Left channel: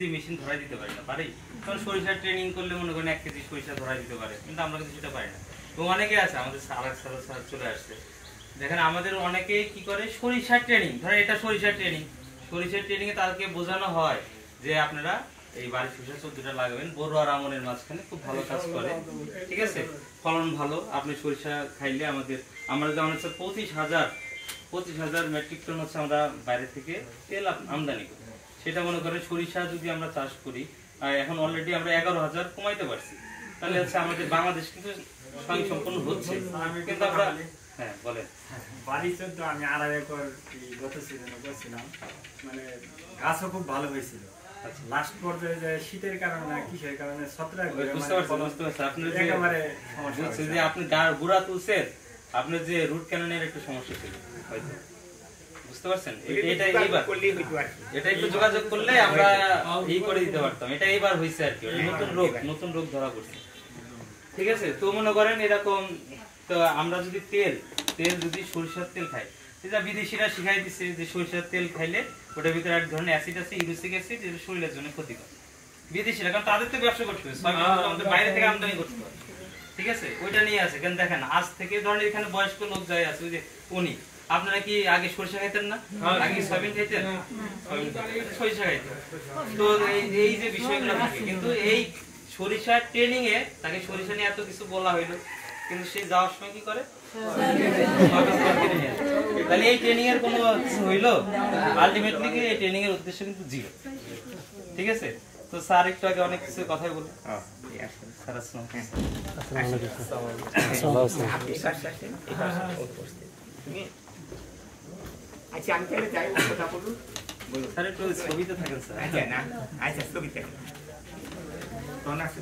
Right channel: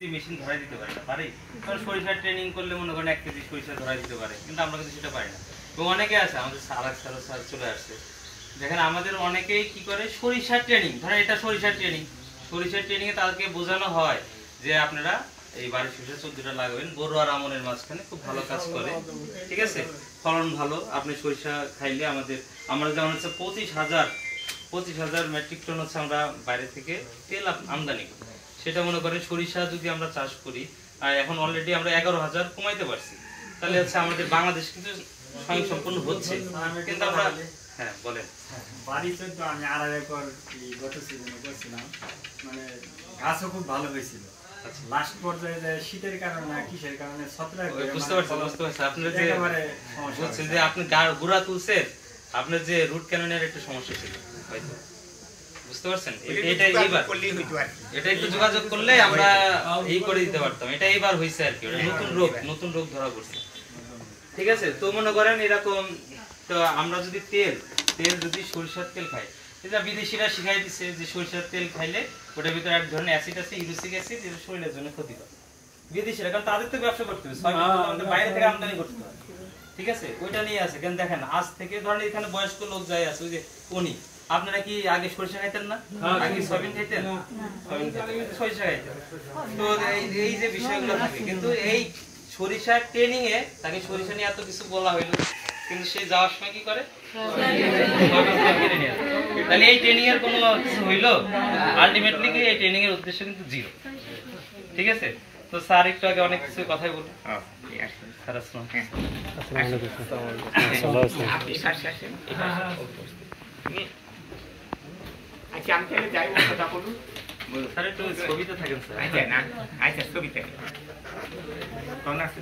Machine ধরাই দিতে পারে না, পারি? সরিষার ট্রেনিং করলে মনে করেন 1 কেজি সরিষা ধরাই দিতে পারে, কিন্তু আমরা কিন্তু সেটা পারি না। এবং অনেকে আছে আমাদের স্যার চলে আসছে, দেখেন আমাদের অনেকেই কি করে সরিষার ট্রেনিং, ধরেন এটা সরিষার ট্রেনিং এ তাদেরকে বোঝানো হয় যে আপনারা এই বাড়ির সরিষা 14টা লাগাবেন, বোরো আর আমনের মাঝখানে খুব ভালো কাজ করে, ঠিক আছে, ফলন ভালো। আপনি সরিষা খাইলে আমরা যেমন হচ্ছে 25,000 মেট্রিক টন হচ্ছে আমরা বাইরে থেকে তেল আমদানি করি। সেটা মনে করেন সরিষা যদি আমরা চাষ করি, এখন অলরেডি আমরা 11,000 কমাইতে পারছি, তাহলে হচ্ছে আমাদের বাংলাদেশ কিন্তু স্বয়ংসম্পূর্ণ হচ্ছে। কিন্তু আমরা হ্যাঁ বলেন, বাড়ি 14 আমি 2.5 একর গত সিজনে করছিলাম, মানে গাছও খুব ভালো হয়েছিল। লাস্ট পর্যায়ে যে শীতের কারণে কিসের কারণে ছত্রাক, বুঝতে পারছি আপনি যে একেবারে বুঝছেন যে আপনি গুড়া তুলছেন, আপনার যে রুট ক্যানেলের একটা সমস্যা ছিল হয়তো, বুঝতে পারছেন? এটা একটু যোগাযোগ করলে আমরা এই করে দিতে পারতাম। এটা এবার হয়েছে আর কি, নতুন রোগ ধরা পড়ছে, ঠিক আছে। তো মনে করেন এরকম, তো আমরা যদি তেল যদি সরিষার তেল খাই, এটা বিদেশিরা শিখাই দিচ্ছে যে সরিষার তেল খাইলে ওটার ভিতরে এক ধরনের অ্যাসিড আছে, ইউরিক অ্যাসিড, যেটা শরীরের জন্য ক্ষতিকর। বিদেশিরা, কারণ তাদের তো ব্যবসা করতে হবে, আমাদের বাইরে থেকে আমদানি করতে হবে, ঠিক আছে, ওইটা নিয়ে আছে। কেন দেখেন আজ থেকে ধরেন এখানে বয়স্ক লোক যায় আছে, ওই যে উনি, আপনারা কি আগে সরিষা খাইতেন না? আগে সয়াবিন খাইতেন, সরিষা খাইতেন। তো এই যে বিষয়গুলো থাকে, কিন্তু এই সরিষা ট্রেনিং এ তাকে সরিষা নিয়ে এত কিছু বলা হইলো, কিন্তু সে যাওয়ার সময় কি করে, তাহলে এই ট্রেনিং এর কোনো কিছু হইলো? আলটিমেটলি এই ট্রেনিং এর উদ্দেশ্য কিন্তু জিরো, ঠিক আছে। তো স্যার একটু আগে অনেক কিছু কথাই বললেন। স্যার আসসালাম। আচ্ছা আমি তাহলে যাই, কথা বলুন। স্যার একটু ছবিতে থাকেন স্যার। আচ্ছা না, আচ্ছা ছবিতে কোন আছে?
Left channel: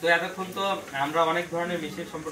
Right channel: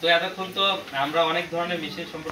তো এতক্ষণ তো আমরা অনেক ধরনের মেশিন সম্পর্কে